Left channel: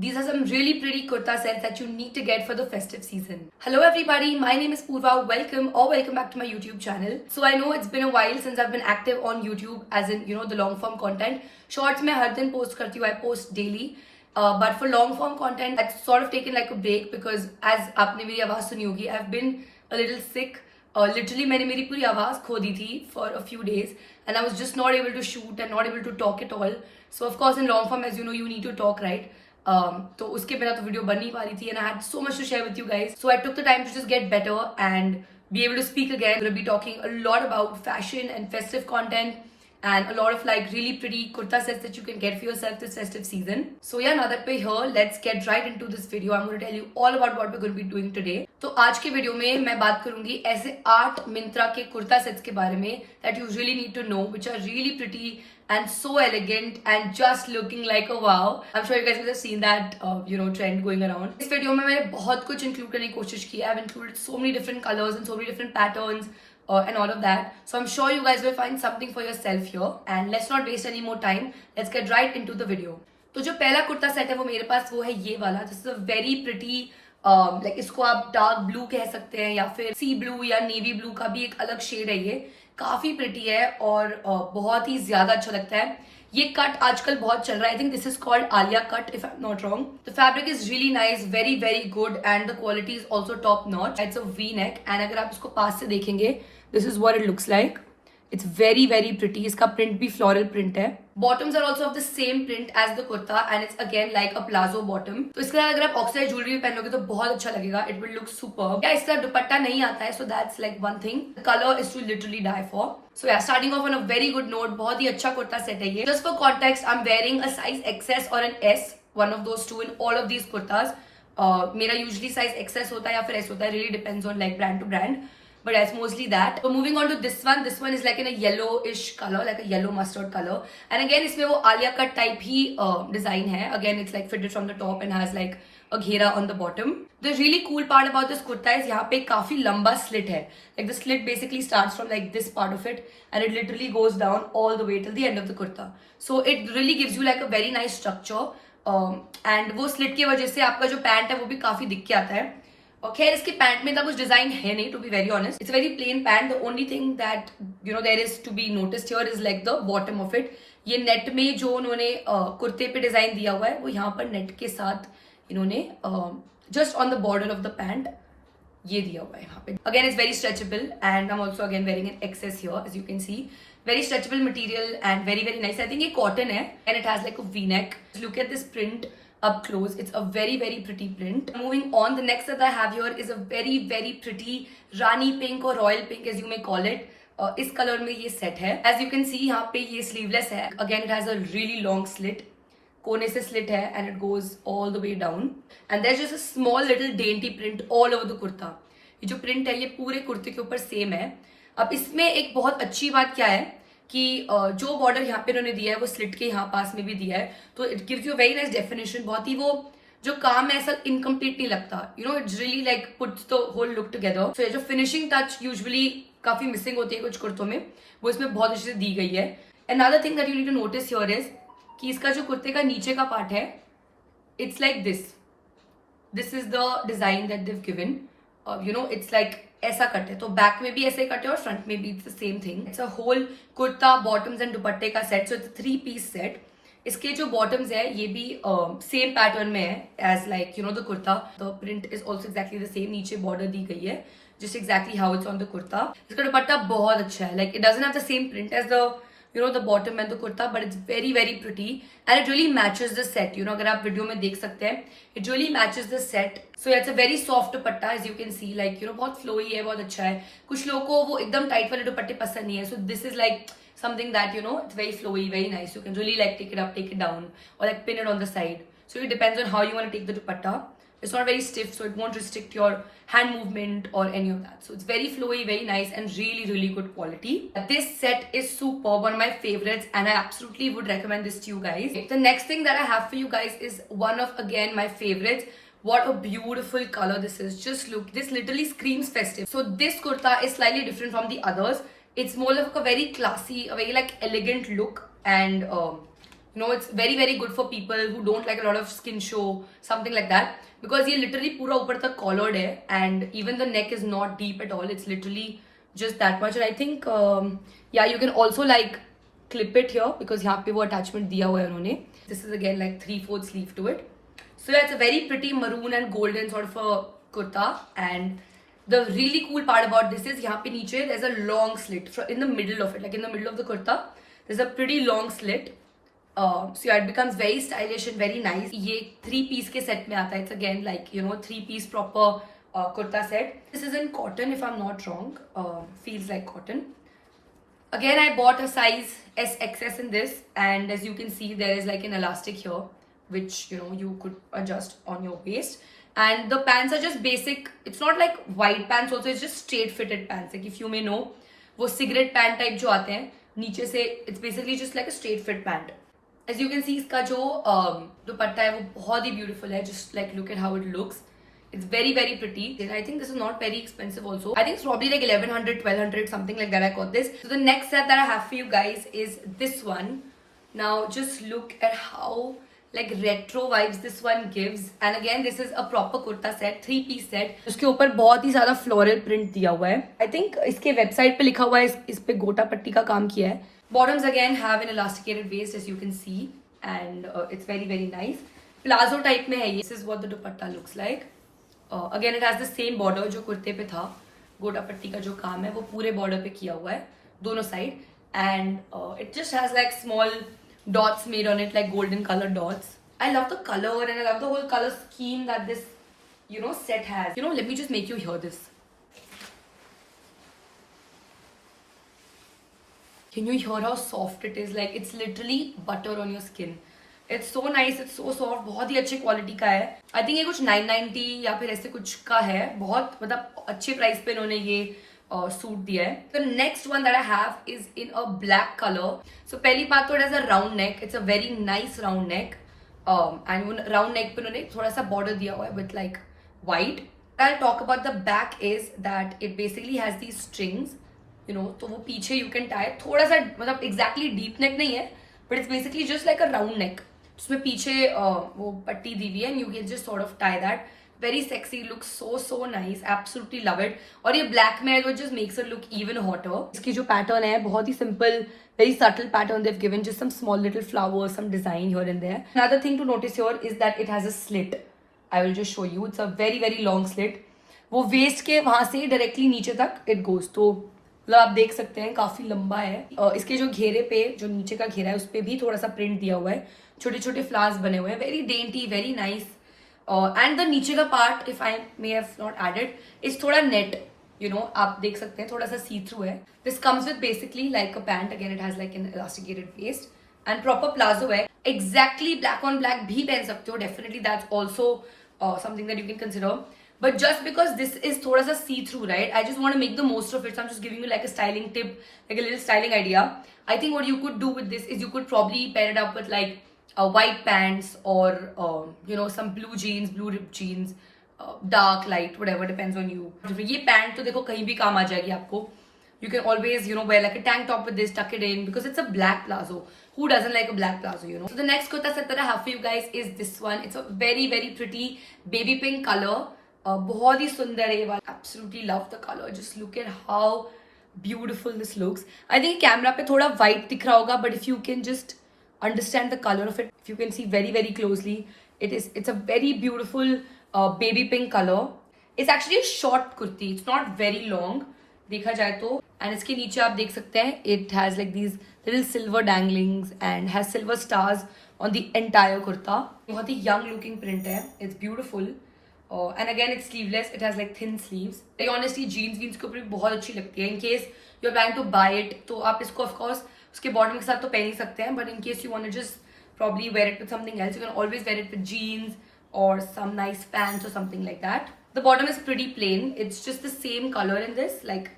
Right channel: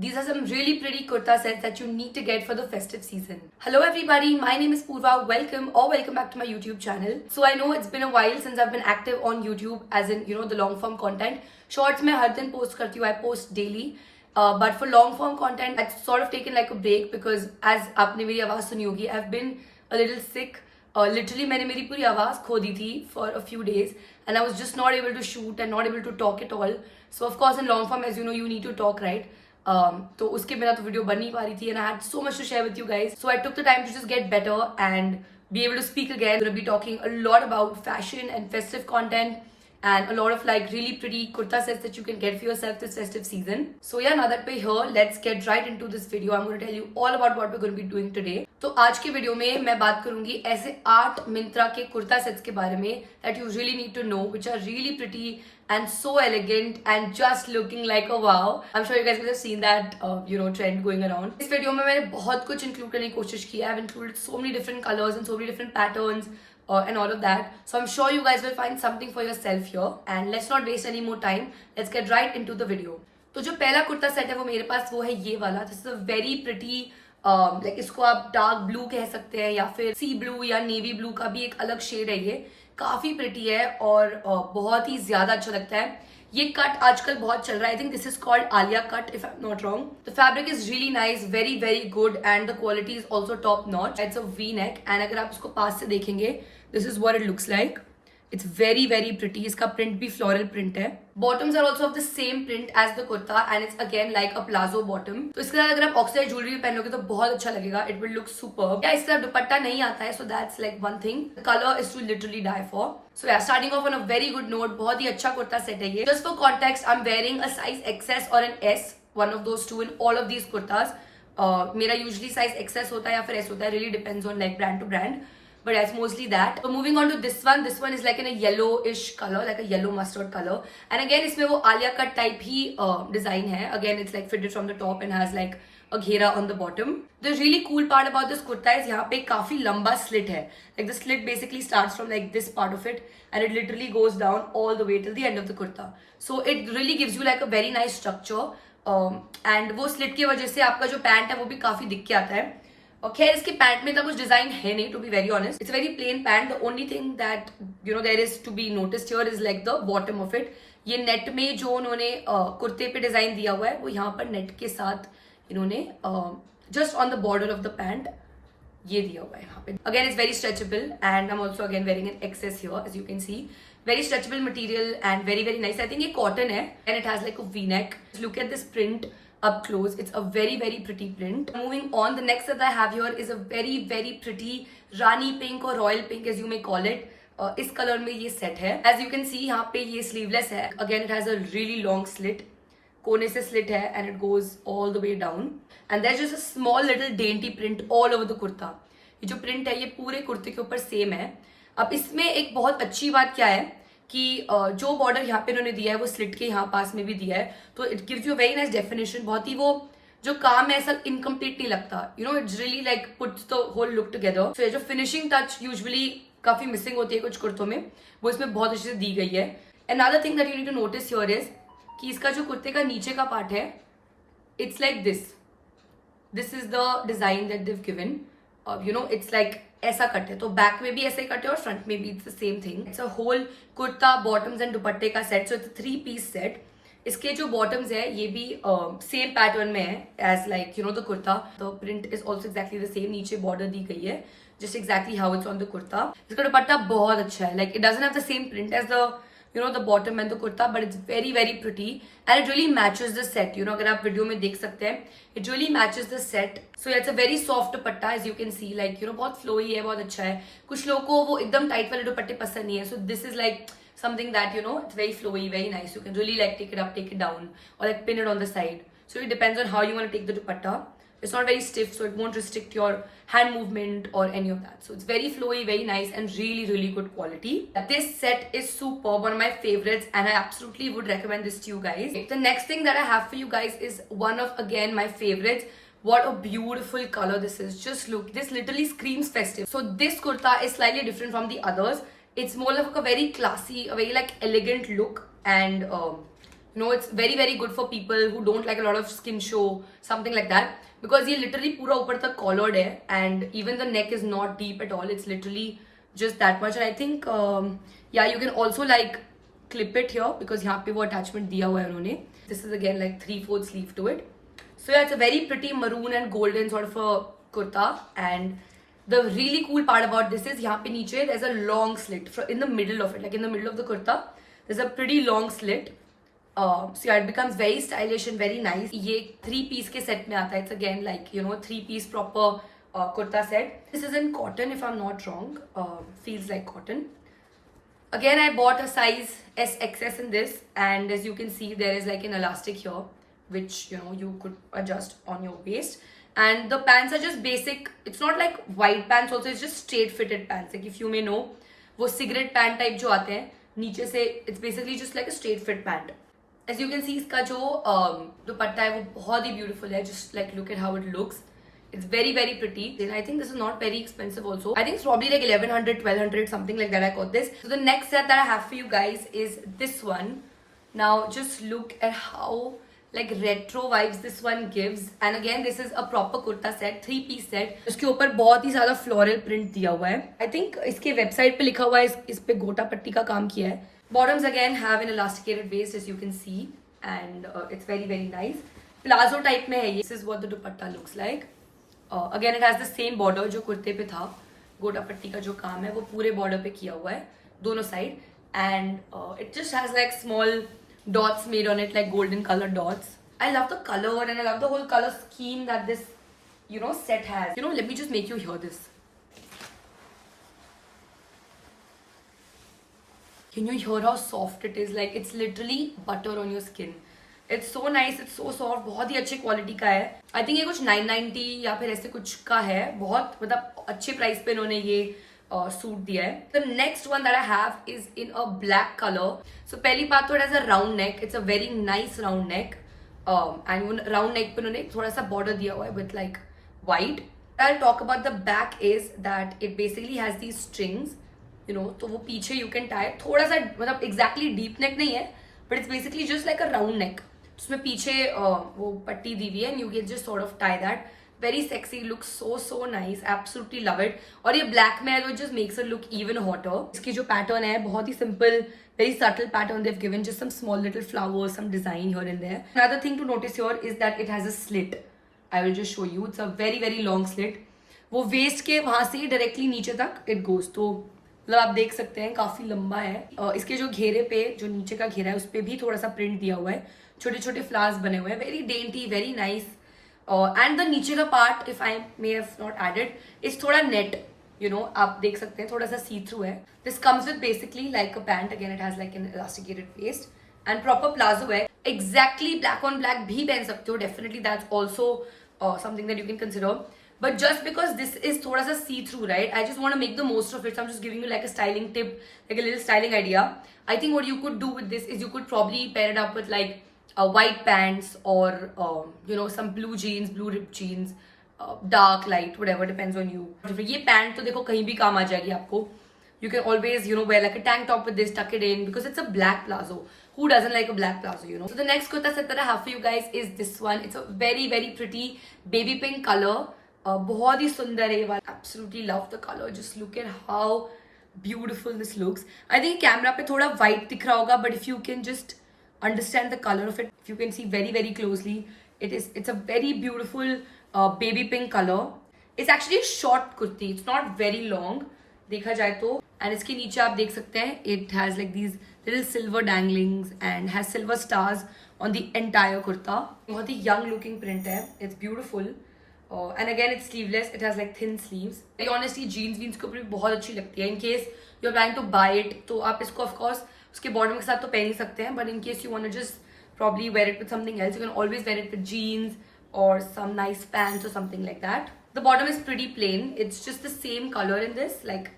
These are some really pretty kurta sets that you need to get for the festive season. Hello everybody, my name is Purva. Welcome back to my YouTube channel. So I know it's been a while since I've been active on YouTube, as in the long form content. Shorts mein har din post karti hu, I post daily. But for long form content, I've sort of taken like a break because as aapne meri आवाज सुनी होगी, I've been a little sick. Literally मैंने मेरी पूरी आवाज़ खो दी थी for a few days and I was just not able to shoot and not able to talk at all. So of course in long form, as you know, you need to talk, right? तो उसके बिना तो video बन नहीं पा रही थी and I had so much to share with you guys. So I took the time to just get better and be able to speak again. I'm going to be talking a lot about fashion and festive content and a lot of like really pretty kurta sets that you can get for yourself this festive season. So yeah, now that we're here, let's get right into this video. I'm going to tell you all about what we're going to be doing today. तो आज के video में मैं बात करूंगी ऐसे 8 मिंत्रा के kurta sets के बारे में that you really need to know, which are really pretty and so elegant and just looking like a wow. I'm sure you guys must have seen that trend going around. इस video में मैंने बहुत कुछ include करने की कोशिश की है. I've included so many different colors and so many different patterns. And all of that. So I'm sure you guys will find something for yourself here. And let's not waste any more time. Let's get right into the video. तो जो पहला kurta set है वो मेरे पास वो है ये वाला. This is a very pretty like इसको आप डार्क ब्लू कह सकते हैं या फिर सी ब्लू या नेवी ब्लू का भी एक अलग शेड है. ये काफी प्रिटी है और बहुत ही ज्यादा अच्छा लगता है. ये कट आजकल बहुत चल रहा है. I think this is called Alia cut if I am not wrong. The fabric is really nice, very very good and the quality is also top notch. It's a V neck and अगर आप इसको पास से देखेंगे, this is what it looks like. It's very very pretty. इसका print भी floral print है. Bottoms are also of the same print as the kurta and it's again like a plazo bottom. तो इसके साथ अगर आप oxide jewelry भी पहनोगे तो बहुत अच्छा लगेगा. It will look superb. या इसका दुपट्टा नहीं आता है, so that's like one thing. The color is to literally die for. So yeah, starting off on a very good note. बहुत ही अच्छा कुर्ता सेट है ये. Just for context, I'm wearing a size XS or an S, one of those two in all of these kurtas. मेरा usually size XS होता है या फिर S होता है. Really depends on like brand to brand. But it's mostly that. So moving on to this one. This one is like in a yellowish color, like a yellow mustard color. And again, इसमें वो Alia cut type ही design है. Again, it's like fitted from the top and has like a घेरा on the bottom. The really cool part about this kurta is यहाँ पे काफी लंबा slit है. Like the slit basically starts from like this part of it and it literally goes down all the way till the end of the kurta. So it really gives you like a very nice structure. And वो slit की वजह से आपका जो pant है वो भी काफी दिख के आता है. और खैर इसके पैंट में इतना कुछ डिजाइन है नहीं, to be very honest. It's very plain pant. The only thing that there is to be noticed here is like the bottom of it. ये नेट में जो उन्होंने कुर्ते पे डिजाइन दिया हुआ है वो यहाँ पर नेट के साथ इन्होंने just on the border of the pant ये दिया हुआ है यहाँ पे. Again it's very stretchable and I am also again wearing an access here as you can see. Very stretchable material and very very nice. I think ये cotton है and it has like a V-neck. Look at this print up close. It's a very very pretty print. Moving on, the next that I have here is a very very pretty rani pink or royal pink as you may call it. इस colour में ये set है. As you can see यहाँ पे ये sleeveless है. Again it has a really long slit. कोने से slit है and it goes all the way down. And there's just a small little dainty print all over the kurta. ये जो print है ये पूरे कुर्ते के ऊपर सेम है. अब इसमें एक बहुत अच्छी बात क्या है कि जो बॉर्डर यहाँ पे इन्होंने दिया है वो स्लिट के यहाँ पास में भी दिया है, तो it gives you very nice definition. बहुत ही वो जो काम है ऐसा इनकम्प्लीट नहीं लगता. It's really like puts the whole look together. So ये जो फिनिशिंग टच यूजुअली काफी मिसिंग होती है कुछ कुर्तों में, वो इसमें बहुत अच्छे से दी गई है. Another thing that you need to notice here is कि इसका जो कुर्ते का नीचे का पार्ट है, it's like this is the design that they've given. It's like ऐसा कट है, तो बैक में भी ऐसे कट है और फ्रंट में भी it's the same thing. It's a whole kurta bottoms and दुपट्टे का सेट. So it's 3 piece set. इसके जो बॉटम्स है ये भी सेम पैटर्न में है as like the kurta. The print is also exactly the same. नीचे बॉर्डर दी गई है just exactly how it's on the kurta. इसका दुपट्टा बहुत अच्छा है. Like it doesn't have the same print as the the bottom and the kurta, but it's very very pretty and it really matches the set. अगर आप video में देख सकते हैं, it really matches the set. So yeah, it's a very soft dupatta as you can see. Like बहुत flowy है, बहुत अच्छा है. कुछ लोगों को वो एकदम टाइट वाले दुपट्टे पसंद नहीं है. So this is like something that it's very flowy, very nice. You can really like take it up, take it down, or like pin it on the side. So it depends on how you want to take the dupatta. It's not very stiff, so it won't restrict your hand movement or any of that. So it's very flowy, very nice and really really good quality. This set is superb, one of my favorites, and I absolutely would recommend this to you guys. The next thing that I have for you guys is one of again my favorites. What a beautiful color this is. Just look, this literally screams festive. So this kurta is slightly different from the others. It's more like a very classy, a very like elegant look, and You know, it's very very good for people who don't like a lot of skin show, something like that, because ये literally पूरा ऊपर तक collared है, and even the neck is not deep at all. It's literally just that much. And I think yeah, you can also like clip it here because यहाँ पे वो attachment दिया हुआ है उन्होंने. This is again like 3/4 sleeve to it. So yeah, it's a very pretty maroon and golden sort of a kurta. And the really cool part about this is यहाँ पे नीचे there's a long slit in the middle of it, like in the middle of the kurta there's a pretty long slit. So yeah, it becomes very stylish and very nice. ये 3 piece के set में आता है. It's again like, you know, 3 piece proper kurta set. This is in cotton if I'm not wrong. Feels like cotton. Again, I bought a size SXS in this, and as you can see there is like an elastic here which, you know, you could adjust on your waist. And the pants are just basic. It's not like wide pants also, it's just straight fitted pants. Like if you may know, वो cigarette pant type जो आते हैं नीचे से, it's basically just like a straight fit pant. As you can see, इसका जो दुपट्टा है वो बहुत ही beautiful है. Just like look at how it looks. It's very very pretty. And I think this is not very expensive also. I think it's probably like 1100, 1200, something like that. I got this. So the next set that I have for you guys is this one. Now just look at how like retro vibes this one gives. And again, this is a proper kurta set, 3 piece set. उसके ऊपर बहुत ही ज़्यादा floral print दिया हुआ है. I think इसके website पे लिखा हुआ है इस पे गोटा पट्टी का काम किया है. Bottoms again have an elasticated waist as you can see, and it's very very nice. Plazo type में है ये. This is what the dupatta looks like. Again, it has the same border जो कुर्ते पे था. गोटा पट्टी का जो काम है वो पूरे border पे किया हुआ है दोनों side, and it just has like small dots made on it, like golden colored dots. I love the color and I love the whole color scheme that this, you know, set has. You know, let me just make you hear this. Can you hear how soft it is? Like it's literally butter on your skin. It's so nice, it's so soft. बहुत ही अच्छे quality का है. I think ये कुछ 990 या फिर ऐसे कुछ का है. बहुत मतलब अच्छे प्राइस पे इन्होंने ये सूट दिया है. The next one that I have is in a black color. So पहली बात तो it has a round neck. It's a very nice round neck. And round neck पे उन्होंने थोड़ा सा border दिया हुआ है with like white. I'll talk about the back is that it basically has these strings. You know, तो वो पीछे you can tie. थोड़ा सा मतलब exactly deep neck नहीं है, but it's basically just like a round neck. उसमें पीछे वो पट्टी दी हुई है and you can just sort of tie that. Very sexy, looks so nice, absolutely love it. और ये black में है तो it just makes it look even hotter. इसकी जो pattern है बहुत ही simple, very subtle pattern they've given, just some small little flowers, some design here and there. Another thing to notice here is that it has a slit. I will just show you. It's a very very long slit. वो waist के वहाँ से directly नीचे तक it goes. तो मतलब आप देख सकते हैं काफी लंबा है. इसके जो घेरे पे जो नीचे का घेरा है उस पे भी थोड़ा सा प्रिंट दिया हुआ है, छोटे छोटे फ्लावर्स बने हुए हैं. Very dainty, very nice. And the नीचे का part, if I may have not added, is थोड़ा नेट. यू नो, आप देख सकते हैं थोड़ा सा सी थ्रू है. This comes with basically like a pant. Again it has like an elasticated waist and proper palazzo है. एग्जैक्टली ब्लैक ऑन ब्लैक भी पहन सकते हो. Definitely that's also something that you can consider. But just because this is thoda sa see-through, right? I just want to make the most of it. So I'm just giving you like a styling tip, like a little styling idea. I think what you could do with this is you could probably pair it up with like white pants or you know, some blue jeans, blue ripped jeans, dark, light, whatever, depends on you. ये pant तो देखो कहीं भी काम आ जाएगी आपको. You can always, you know, wear like a tank top with this, tuck it in, because it's a black plazo. Who doesn't like a black plazo, you know? So the next kurta set that I have for you guys is this one. It's a very very pretty baby pink color. बहुत ही सुंदर है ये वाला. Absolutely love the color. Just look at how beautiful this looks. I think camera पे थोड़ा white दिख रहा होगा, but if you can just understand the color of it, if you can see very very closely, it's a very beautiful baby pink color. It's actually a short kurti. It's not very long देखा जाए तो. And इसके नीचे आप देख सकते हैं it has like these little silver danglings and has silver stars on the entire kurta. बहुत ही young looking print है. It's beautiful. And again it's sleeveless. It has like thin sleeves. Like honestly jeans के ऊपर भी बहुत अच्छी लगती है. In case you're planning to buy it, तो आप इसको of course उसके bottom के साथ तो पहन ही सकते हैं. But in case you want to just probably wear it with something else, you can always wear it with jeans or some nice pants or something like that. The bottom is pretty plain. It's just the same color in this, like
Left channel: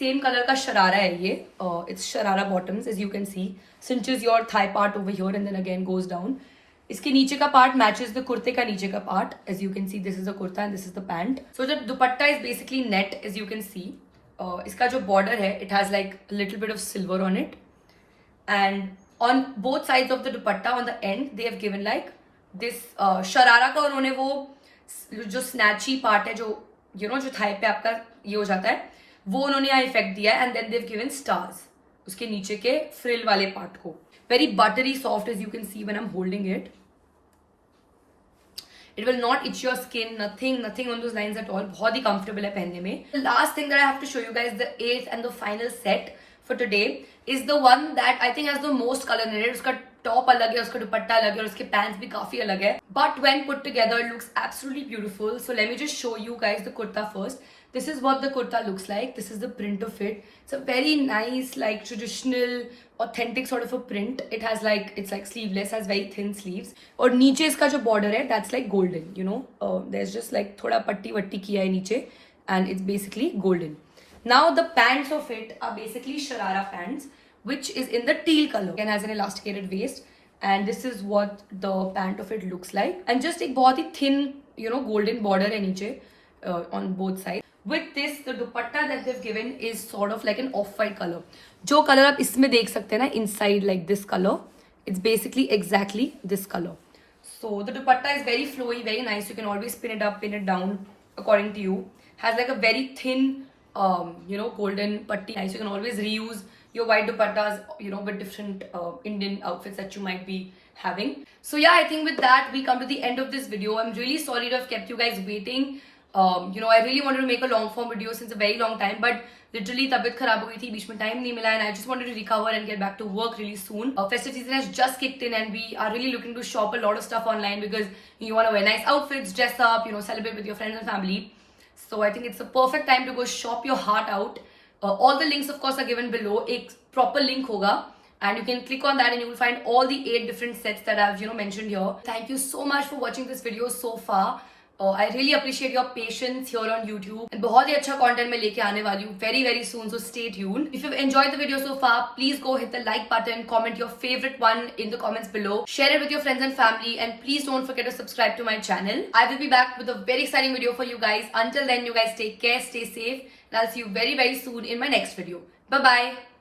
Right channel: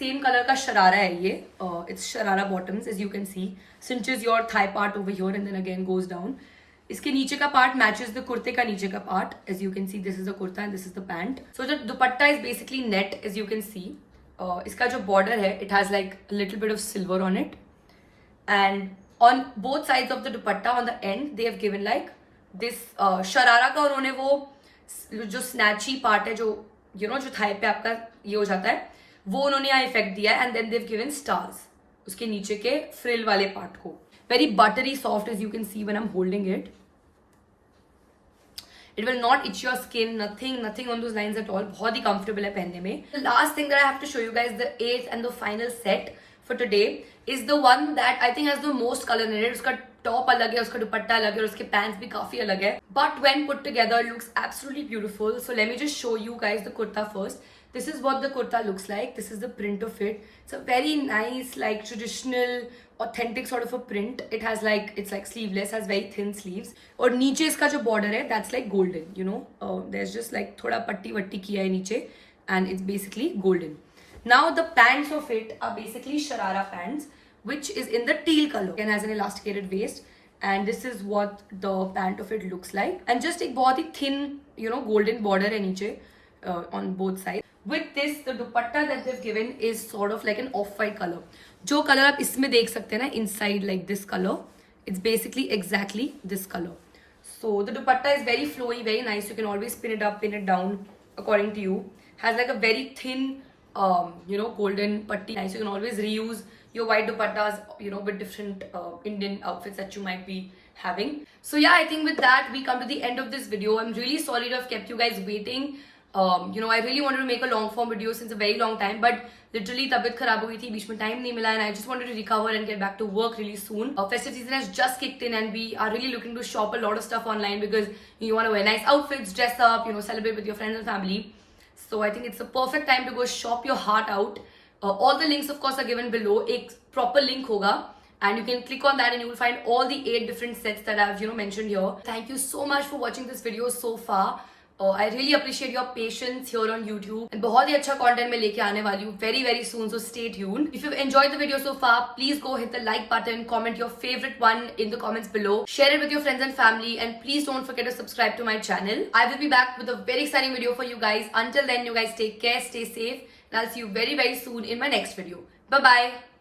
same color का शरारा है ये. It's sharara bottoms as you can see. Cinches your thigh part over here and then again goes down. इसके नीचे का part matches the कुर्ते का नीचे का part. As you can see this is the kurta and this is the pant. So the dupatta is basically net as you can see. इसका जो border है it has like little bit of silver on it. And On both sides of the dupatta, on the end, they have given like this sharara का उन्होंने वो जो स्नैची part है जो जो थाई पे आपका ये हो जाता है वो उन्होंने यहाँ इफेक्ट दिया है. And then they've given stars उसके नीचे के फ्रिल वाले पार्ट को. Very buttery soft as you can see when I am holding it. It will not itch your skin, nothing on those lines at all. बहुत ही comfortable है पहनने में. The last thing that I have to show you guys, the eighth and the final set for today is the one that I think has the most color in it. उसका top अलग है, उसका दुपट्टा अलग है और उसके pants भी काफी अलग है. But when put together, it looks absolutely beautiful. So let me just show you guys the kurta first. This is what the kurta looks like. This is the print of it. It's a very nice, like traditional, authentic sort of a print. It has like, it's like sleeveless, has very thin sleeves. और नीचे इसका जो border है, that's like golden, there's just like थोड़ा पट्टी वट्टी किया है नीचे, and it's basically golden. Now the pants of it are basically sharara pants, which is in the teal color and has an elasticated waist. And this is what the pant of it looks like. And just एक बहुत ही thin, golden border है नीचे on both sides. With this, the dupatta that they've given is sort of like an off-white color. जो color आप इसमें देख सकते हैं ना, inside like this color, it's basically exactly this color. So the dupatta is very flowy, very nice. You can always pin it up, pin it down according to you. Has like a very thin, golden patti. Nice. You can always reuse your white dupattas, with different Indian outfits that you might be having. So yeah, I think with that we come to the end of this video. I'm really sorry to have kept you guys waiting. I really wanted to make a long form video since a very long time, but literally तबीयत खराब हो गई थी, बीच में time नहीं मिला, and I just wanted to recover and get back to work really soon. Festive season has just kicked in and we are really looking to shop a lot of stuff online because you want to wear nice outfits, dress up, celebrate with your friends and family. So I think it's a perfect time to go shop your heart out. All the links of course are given below. एक proper link होगा and you can click on that and you will find all the 8 different sets that I've mentioned here. Thank you so much for watching this video so far. I really appreciate your patience here on YouTube. And बहुत ही अच्छा content मैं लेके आने वाली हूँ very very soon, so stay tuned. If you've enjoyed the video so far, please go hit the like button, comment your favorite one in the comments below, share it with your friends and family, and please don't forget to subscribe to my channel. I will be back with a very exciting video for you guys. Until then, you guys take care, stay safe, and I'll see you very very soon in my next video. Bye bye.